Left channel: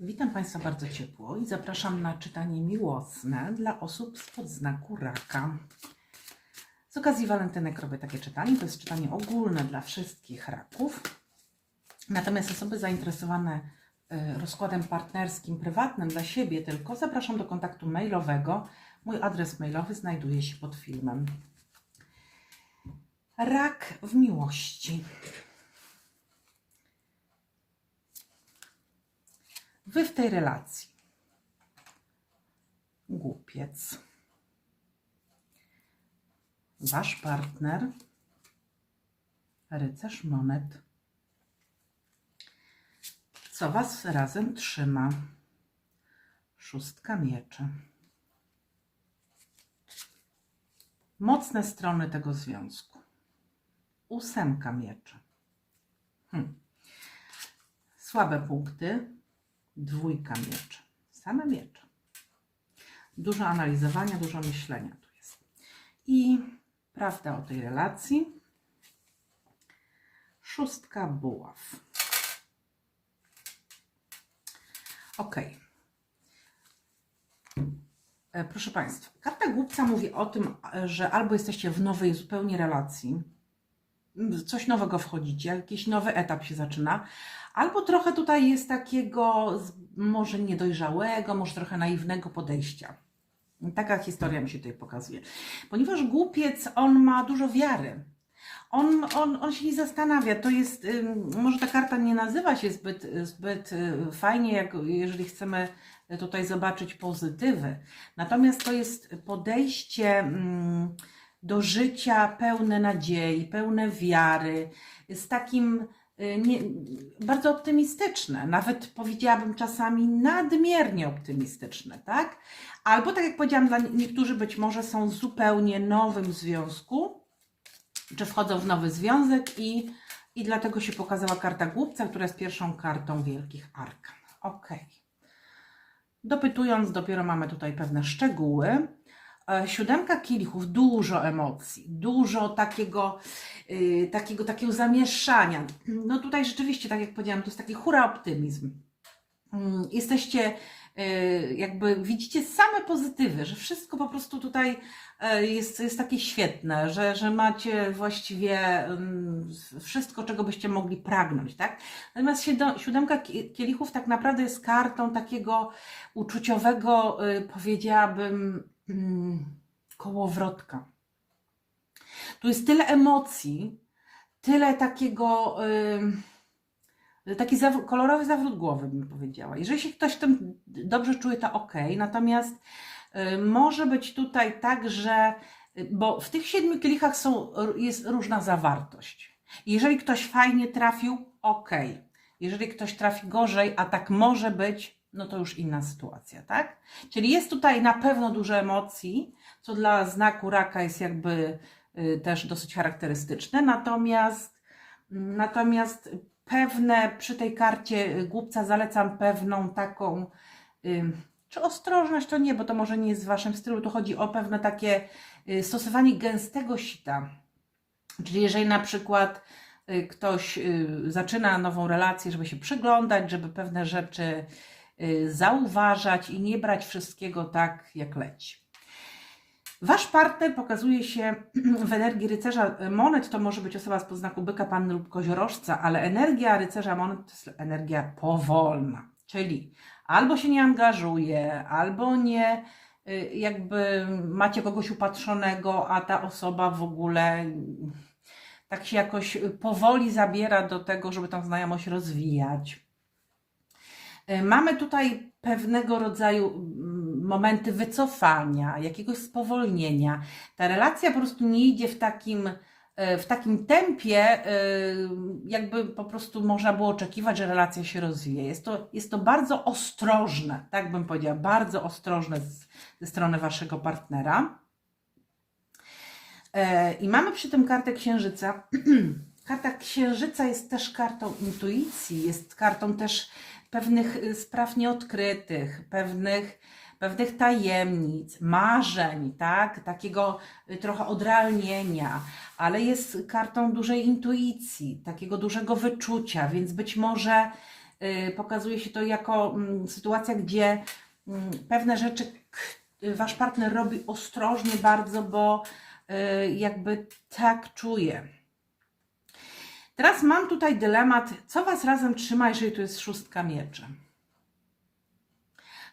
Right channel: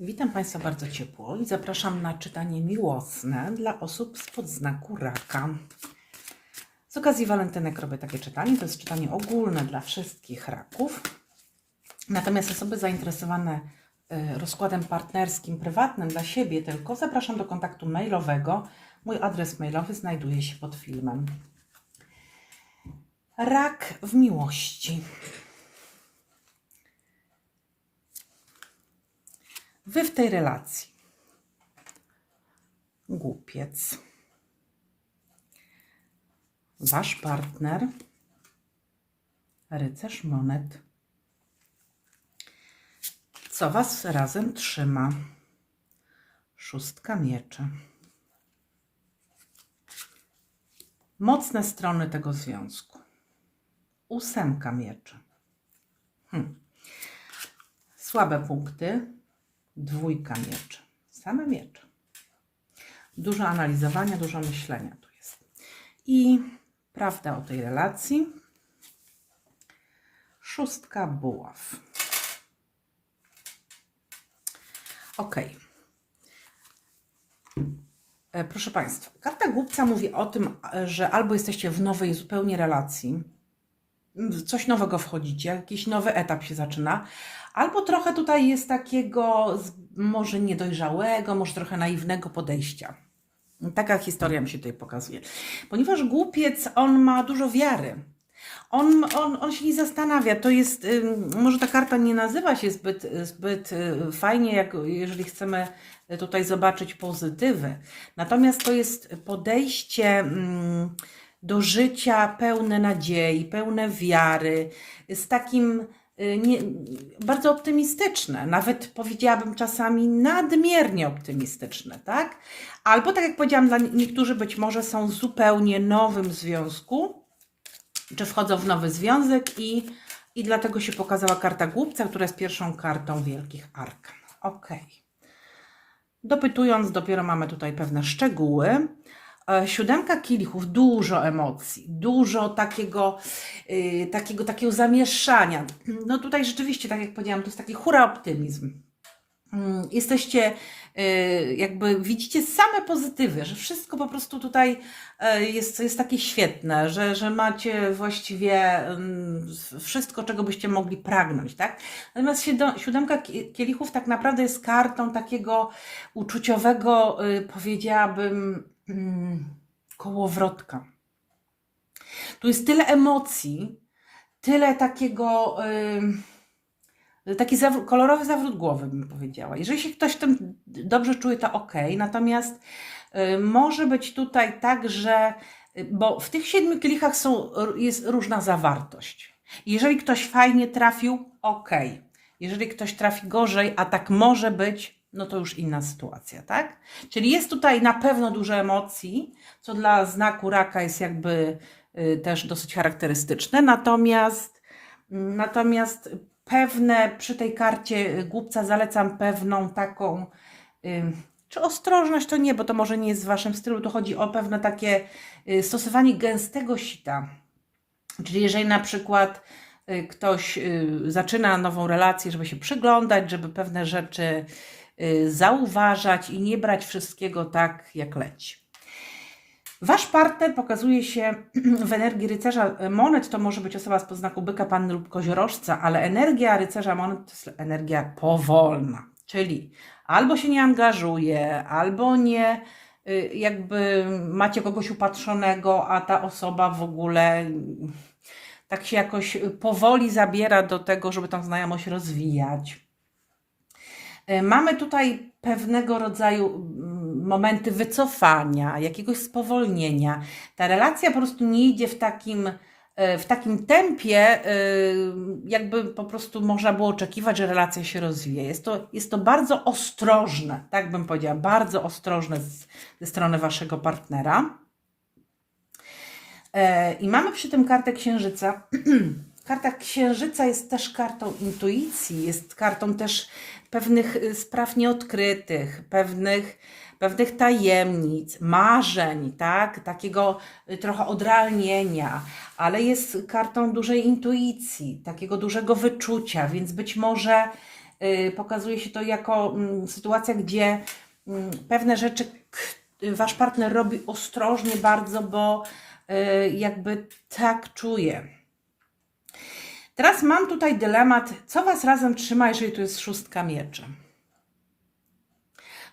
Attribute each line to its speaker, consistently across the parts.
Speaker 1: Witam Państwa bardzo ciepło i zapraszam na czytanie miłosne dla osób spod znaku raka. Z okazji walentynek robię takie czytanie. To jest czytanie ogólne dla wszystkich raków. Natomiast osoby zainteresowane y, rozkładem partnerskim, prywatnym dla siebie tylko, zapraszam do kontaktu mailowego. Mój adres mailowy znajduje się pod filmem. Rak w miłości. Wy w tej relacji. Głupiec. Wasz partner. Rycerz monet. Co was razem trzyma? Szóstka mieczy. Mocne strony tego związku. Ósemka mieczy. Hm. Słabe punkty. Dwójka mieczy. Same miecze. Dużo analizowania, dużo myślenia tu jest. I prawda o tej relacji. Szóstka buław. Ok. E, Proszę Państwa, karta głupca mówi o tym, e, że albo jesteście w nowej zupełnie relacji, coś nowego wchodzicie, jakiś nowy etap się zaczyna, albo trochę tutaj jest takiego może niedojrzałego, może trochę naiwnego podejścia. Taka historia mi się tutaj pokazuje. Ponieważ głupiec, on ma dużo wiary. On, on, on się nie zastanawia. To jest, może ta karta nie nazywa się zbyt, zbyt y, fajnie, jak jeżeli chcemy tutaj zobaczyć pozytywy. Natomiast to jest podejście do życia pełne nadziei, pełne wiary, z takim nie, bardzo optymistyczne, nawet powiedziałabym czasami nadmiernie optymistyczne, tak? Albo tak jak powiedziałam, dla niektórzy być może są w zupełnie nowym związku, czy wchodzą w nowy związek i, i dlatego się pokazała karta głupca, która jest pierwszą kartą wielkich arkan. Ok. Dopytując, dopiero mamy tutaj pewne szczegóły. E, Siódemka kielichów, dużo emocji, dużo takiego, y, takiego, takiego zamieszania. No tutaj rzeczywiście, tak jak powiedziałam, to jest taki hura optymizm. Mm, Jesteście, y, jakby widzicie same pozytywy, że wszystko po prostu tutaj e, jest, jest takie świetne, że, że macie właściwie mm, wszystko, czego byście mogli pragnąć, tak? Natomiast siódemka kie- kielichów tak naprawdę jest kartą takiego uczuciowego, y, powiedziałabym, kołowrotka. Tu jest tyle emocji, tyle takiego, y, taki kolorowy zawrót głowy, bym powiedziała. Jeżeli się ktoś tym dobrze czuje, to ok. Natomiast y, może być tutaj tak, że, y, bo w tych siedmiu kielichach są, jest różna zawartość. Jeżeli ktoś fajnie trafił, ok. Jeżeli ktoś trafi gorzej, a tak może być, no to już inna sytuacja, tak? Czyli jest tutaj na pewno dużo emocji, co dla znaku raka jest jakby y, też dosyć charakterystyczne. Natomiast, natomiast pewne przy tej karcie głupca zalecam pewną taką, y, czy ostrożność to nie, bo to może nie jest w waszym stylu, to chodzi o pewne takie y, stosowanie gęstego sita. Czyli jeżeli na przykład ktoś zaczyna nową relację, żeby się przyglądać, żeby pewne rzeczy zauważać i nie brać wszystkiego tak, jak leci. Wasz partner pokazuje się w energii rycerza monet, to może być osoba z podznaku byka, panny lub koziorożca, ale energia rycerza monet to jest energia powolna, czyli albo się nie angażuje, albo nie y, jakby macie kogoś upatrzonego, a ta osoba w ogóle tak się jakoś powoli zabiera do tego, żeby tą znajomość rozwijać. Y, Mamy tutaj pewnego rodzaju mm, momenty wycofania, jakiegoś spowolnienia. Ta relacja po prostu nie idzie w takim, e, w takim tempie, e, jakby po prostu można było oczekiwać, że relacja się rozwija. Jest to, jest to bardzo ostrożne, tak bym powiedziała, bardzo ostrożne z, ze strony waszego partnera. E, I mamy przy tym kartę księżyca. Karta księżyca jest też kartą intuicji, jest kartą też pewnych y, spraw nieodkrytych, pewnych, pewnych tajemnic, marzeń, tak? Takiego y, trochę odrealnienia, ale jest kartą dużej intuicji, takiego dużego wyczucia, więc być może y, pokazuje się to jako mm, sytuacja, gdzie mm, pewne rzeczy wasz partner robi ostrożnie bardzo, bo jakby tak czuje. Teraz mam tutaj dylemat, co was razem trzyma, jeżeli to jest szóstka mieczy.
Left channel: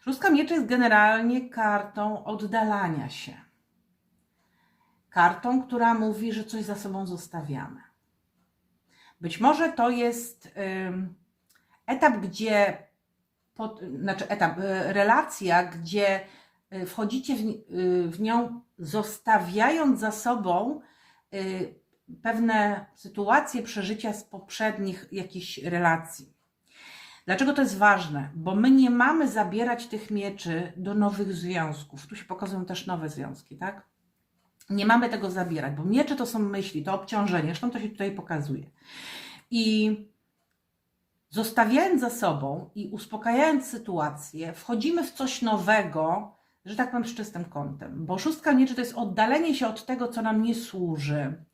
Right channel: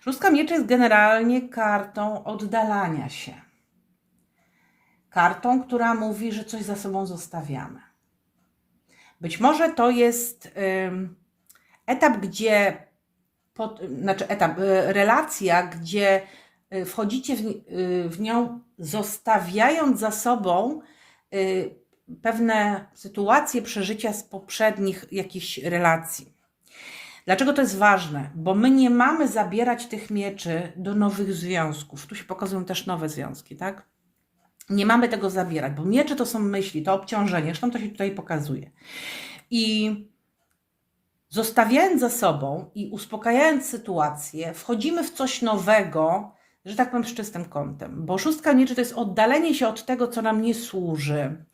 Speaker 1: Szóstka mieczy jest generalnie kartą oddalania się. Kartą, która mówi, że coś za sobą zostawiamy. Być może to jest etap, gdzie, pod, znaczy etap, y, relacja, gdzie y, wchodzicie w, y, w nią, zostawiając za sobą pewne sytuacje, przeżycia z poprzednich jakichś relacji. Dlaczego to jest ważne? Bo my nie mamy zabierać tych mieczy do nowych związków. Tu się pokazują też nowe związki, tak? Nie mamy tego zabierać, bo miecze to są myśli, to obciążenie, zresztą to się tutaj pokazuje. I zostawiając za sobą i uspokajając sytuację, wchodzimy w coś nowego, że tak powiem, z czystym kątem. Bo szóstka mieczy to jest oddalenie się od tego, co nam nie służy,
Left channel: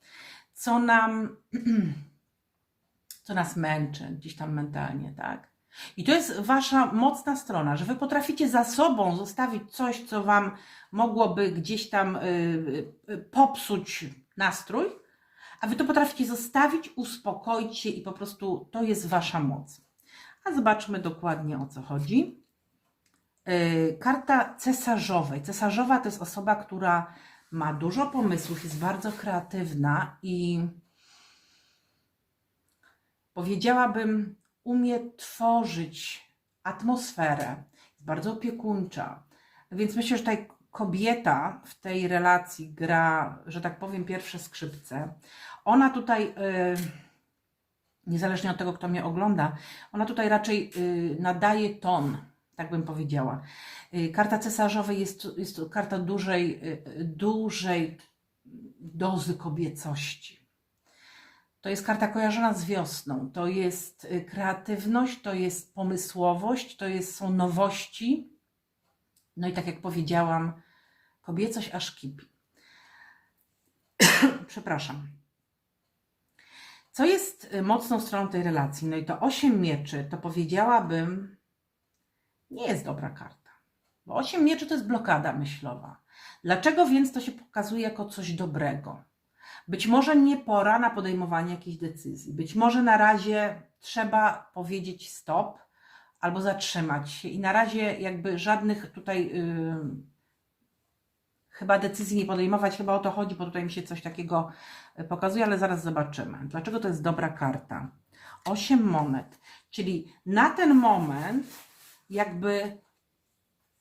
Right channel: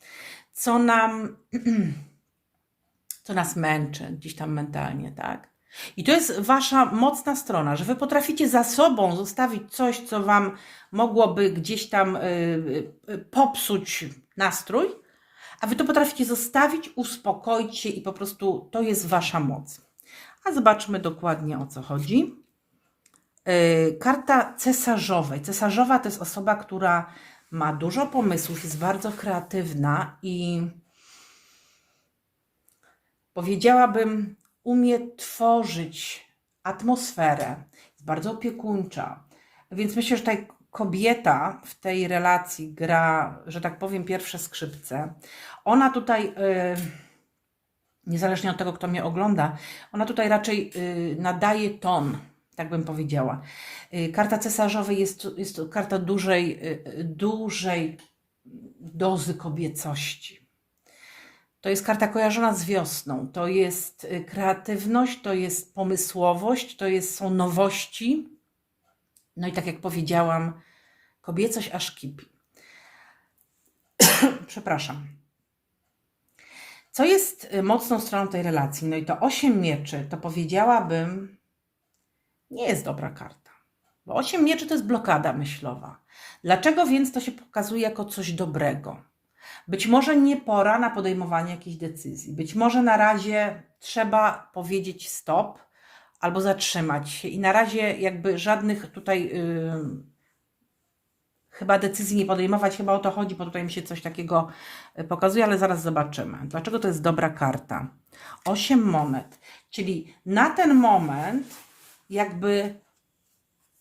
Speaker 1: co nam, co nas męczy gdzieś tam mentalnie, tak? I to jest wasza mocna strona, że wy potraficie za sobą zostawić coś, co wam mogłoby gdzieś tam y, y, popsuć nastrój, a wy to potraficie zostawić, uspokoić się i po prostu to jest wasza moc. A zobaczmy dokładnie o co chodzi. Karta cesarzowej. Cesarzowa to jest osoba, która ma dużo pomysłów, jest bardzo kreatywna i powiedziałabym, umie tworzyć atmosferę, jest bardzo opiekuńcza. Więc myślę, że tutaj kobieta w tej relacji gra, że tak powiem, pierwsze skrzypce. Ona tutaj, yy, niezależnie od tego, kto mnie ogląda, ona tutaj raczej yy, nadaje ton, tak bym powiedziała. Yy, Karta cesarzowej jest, jest karta dużej, yy, dużej dozy kobiecości. To jest karta kojarzona z wiosną. To jest y, kreatywność, to jest pomysłowość, to jest, są nowości. No i tak jak powiedziałam, kobiecość aż kipi. Przepraszam. Co jest y, mocną stroną tej relacji? No i to osiem mieczy, to powiedziałabym, nie jest dobra karta. Bo osiem mieczy to jest blokada myślowa. Dlaczego więc to się pokazuje jako coś dobrego? Być może nie pora na podejmowanie jakichś decyzji. Być może na razie trzeba powiedzieć stop albo zatrzymać się i na razie jakby żadnych tutaj yy, chyba decyzji nie podejmować, chyba o to chodzi, bo tutaj mi się coś takiego y, pokazuje, ale zaraz zobaczymy. Dlaczego to jest dobra karta? Osiem monet, czyli na ten moment jakby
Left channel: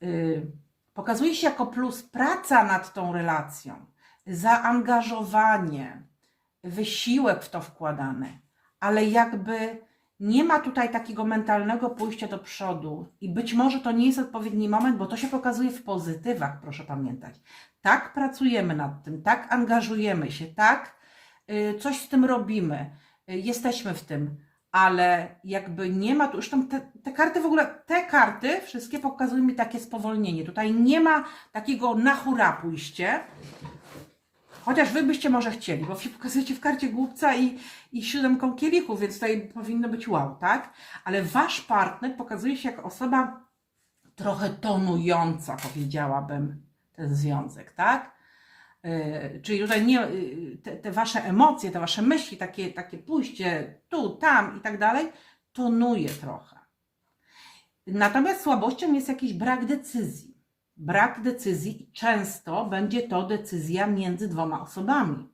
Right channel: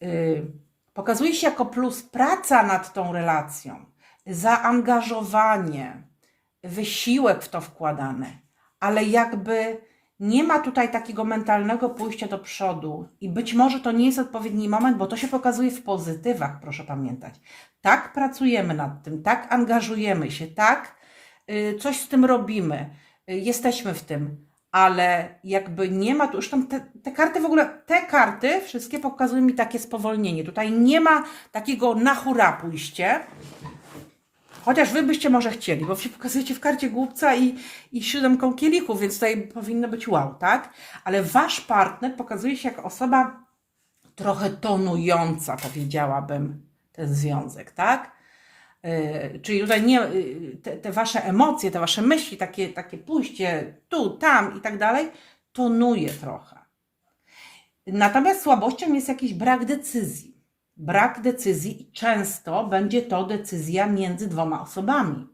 Speaker 1: yy, pokazuje się jako plus praca nad tą relacją, zaangażowanie, wysiłek w to wkładany, ale jakby nie ma tutaj takiego mentalnego pójścia do przodu i być może to nie jest odpowiedni moment, bo to się pokazuje w pozytywach, proszę pamiętać. Tak pracujemy nad tym, tak angażujemy się, tak y, coś z tym robimy, y, jesteśmy w tym, ale jakby nie ma tu, zresztą te, te karty w ogóle, te karty wszystkie pokazują mi takie spowolnienie. Tutaj nie ma takiego na hura pójście, Chociaż wy byście może chcieli, bo się pokazujecie w karcie głupca i, i siódemką kielichów, więc tutaj powinno być wow, tak? Ale wasz partner pokazuje się jako osoba trochę tonująca, powiedziałabym, ten związek, tak? Yy, czyli tutaj nie, yy, te, te wasze emocje, te wasze myśli, takie, takie pójście tu, tam i tak dalej, tonuje trochę. Natomiast słabością jest jakiś brak decyzji. Brak decyzji i często będzie to decyzja między dwoma osobami.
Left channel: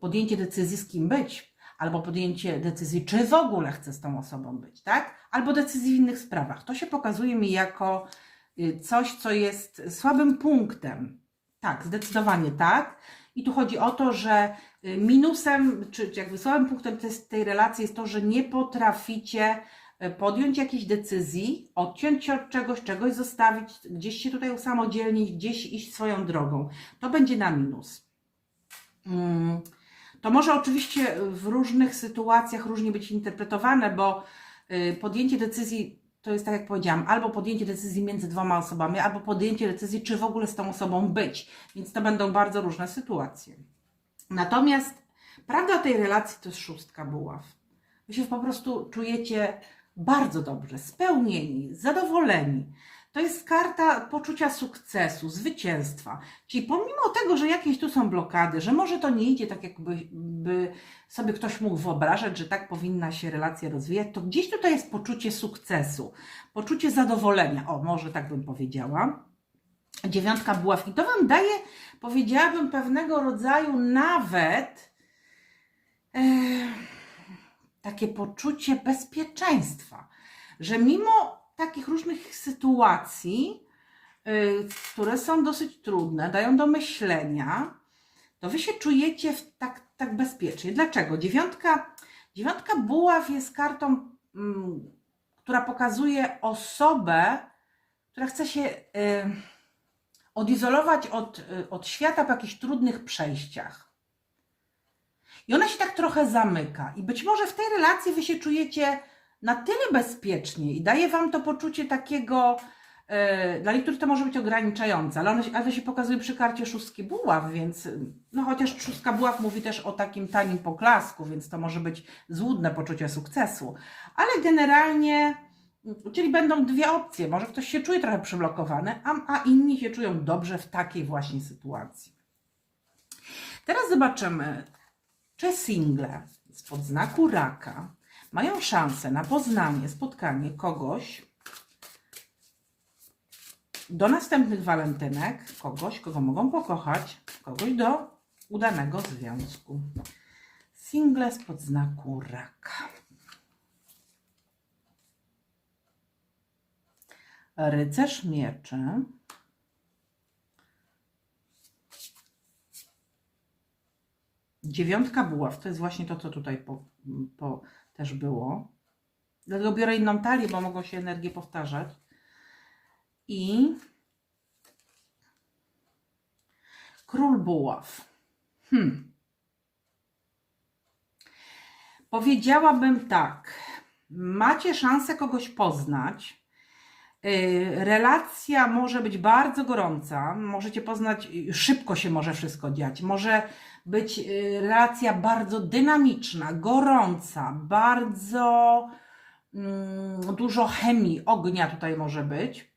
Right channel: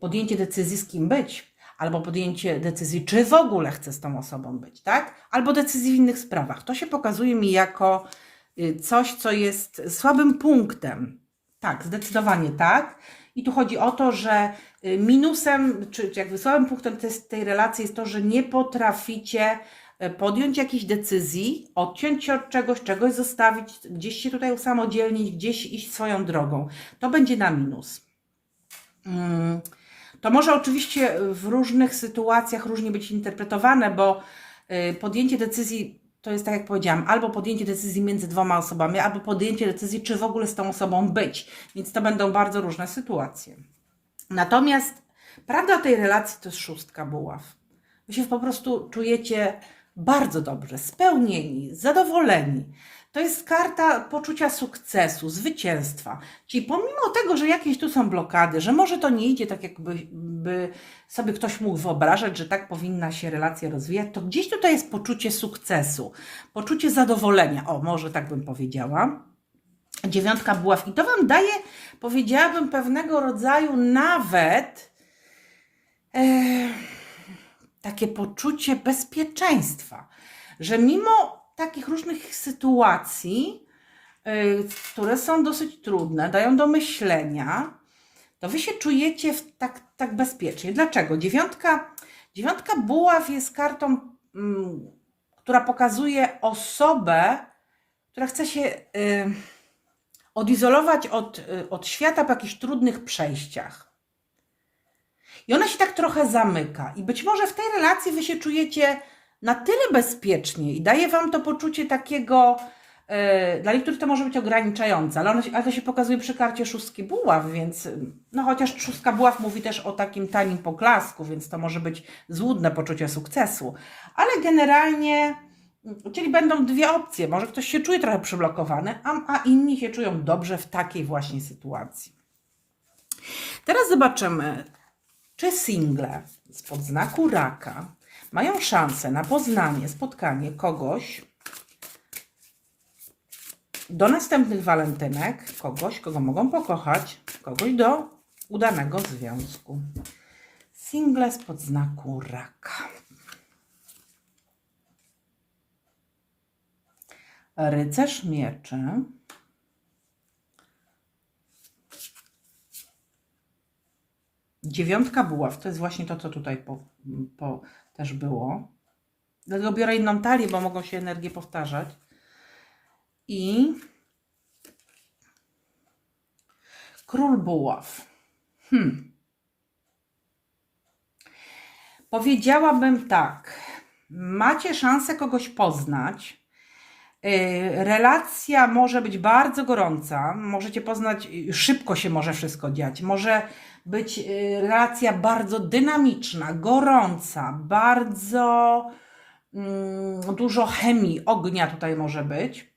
Speaker 1: Podjęcie decyzji z kim być, albo podjęcie decyzji, czy w ogóle chcę z tą osobą być, tak? Albo decyzji w innych sprawach. To się pokazuje mi jako y, coś, co jest słabym punktem. Tak, zdecydowanie tak. I tu chodzi o to, że y, minusem, czy jakby słabym punktem tej, tej relacji jest to, że nie potraficie e, podjąć jakiejś decyzji, odciąć się od czegoś, czegoś zostawić, gdzieś się tutaj usamodzielnić, gdzieś iść swoją drogą. To będzie na minus. Mm, To może oczywiście w różnych sytuacjach różnie być interpretowane, bo y, podjęcie decyzji to jest tak jak powiedziałam, albo podjęcie decyzji między dwoma osobami, albo podjęcie decyzji, czy w ogóle z tą osobą być. Więc to będą bardzo różne sytuacje. Natomiast prawda tej relacji to jest szóstka buław. Wy się po prostu czujecie bardzo dobrze, spełnieni, zadowoleni. To jest karta poczucia sukcesu, zwycięstwa. Czyli pomimo tego, że jakieś tu są blokady, że może to nie idzie tak, jakby by sobie ktoś mógł wyobrażać, że tak powinna się relacja rozwijać, to gdzieś tutaj jest poczucie sukcesu, poczucie zadowolenia. O, może tak bym powiedziała. Dziewiątka buław. I to Wam daje, powiedziałabym, pewnego rodzaju nawet e, takie poczucie bezpieczeństwa, że mimo takich różnych sytuacji, y, które są dosyć trudne, dają do myślenia, to wy się czujecie w tak, tak bezpiecznie. Dlaczego? Dziewiątka, dziewiątka buław jest kartą, mm, która pokazuje osobę, która chce się y, odizolować od, y, od świata po jakichś trudnych przejściach. I ona się tak trochę zamyka. I być może w tej relacji wy się czujecie na tyle bezpiecznie i daje wam to poczucie takiego, e, dla niektórych to może być ograniczające, ale, ono, ale to się pokazuje przy karcie szóstki buław, więc no chociaż szóstka buław mówi też o takim tanim poklasku, więc to może być złudne poczucie sukcesu. Ale generalnie, czyli będą dwie opcje. Może ktoś się czuje trochę przyblokowany, a, a inni się czują dobrze w takiej właśnie sytuacji. Teraz zobaczymy, czy single spod znaku raka mają szansę na poznanie, spotkanie kogoś do następnych walentynek, kogoś, kogo mogą pokochać, kogoś do udanego związku. Single spod znaku raka. Rycerz mieczy. Dziewiątka buław, to jest właśnie to, co tutaj po, po, też było. Dlatego biorę inną talię, bo mogą się energie powtarzać. I król buław. Hmm. Powiedziałabym tak. Macie szansę kogoś poznać. Yy, Relacja może być bardzo gorąca, możecie poznać, yy, szybko się może wszystko dziać. Może być yy, relacja bardzo dynamiczna, gorąca, bardzo mm, dużo chemii, ognia tutaj może być.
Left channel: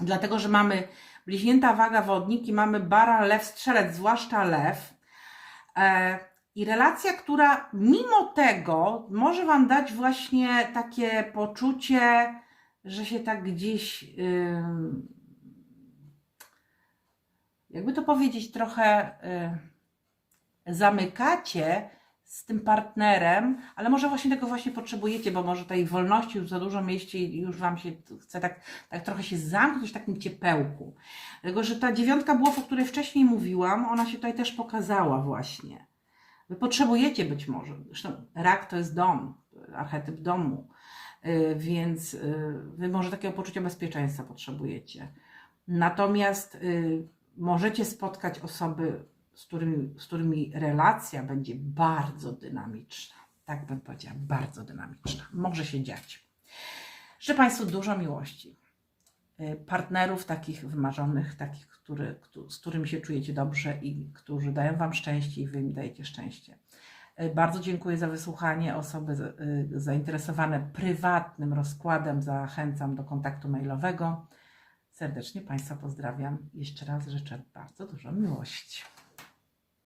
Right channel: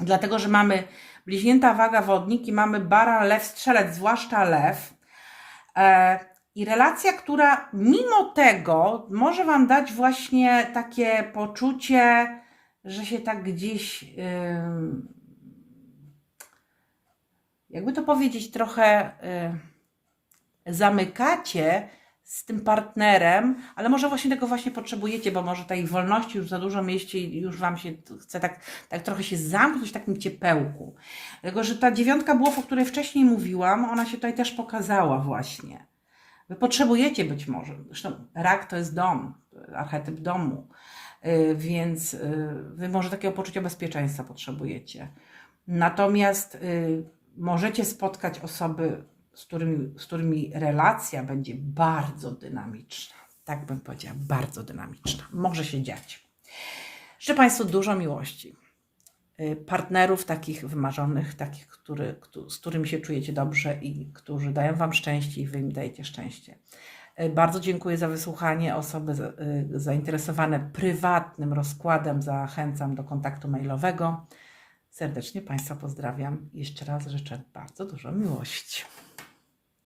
Speaker 1: Dlatego, że mamy bliźnięta waga wodnik i mamy bara, lew, strzelec, zwłaszcza lew. E, I relacja, która mimo tego może Wam dać właśnie takie poczucie, że się tak gdzieś, jakby to powiedzieć, trochę y, zamykacie z tym partnerem, ale może właśnie tego właśnie potrzebujecie, bo może tej wolności już za dużo mieście i już Wam się chce tak, tak trochę się zamknąć w takim ciepełku. Dlatego, że ta dziewiątka buław, o której wcześniej mówiłam, ona się tutaj też pokazała właśnie. Wy potrzebujecie być może, zresztą rak to jest dom, archetyp domu, Y, więc y, Wy może takiego poczucia bezpieczeństwa potrzebujecie. Natomiast y, możecie spotkać osoby, z którymi, z którymi relacja będzie bardzo dynamiczna. Tak bym powiedziała, bardzo dynamiczna. Może się dziać. Życzę Państwu dużo miłości. Y, Partnerów takich wymarzonych, takich, który, któ- z którymi się czujecie dobrze i którzy dają Wam szczęście i Wy im dajecie szczęście. Y, Bardzo dziękuję za wysłuchanie. Osoby y, zainteresowane prywatnym rozkładem zachęcam do kontaktu mailowego. Serdecznie Państwa pozdrawiam. Jeszcze raz życzę bardzo dużo miłości.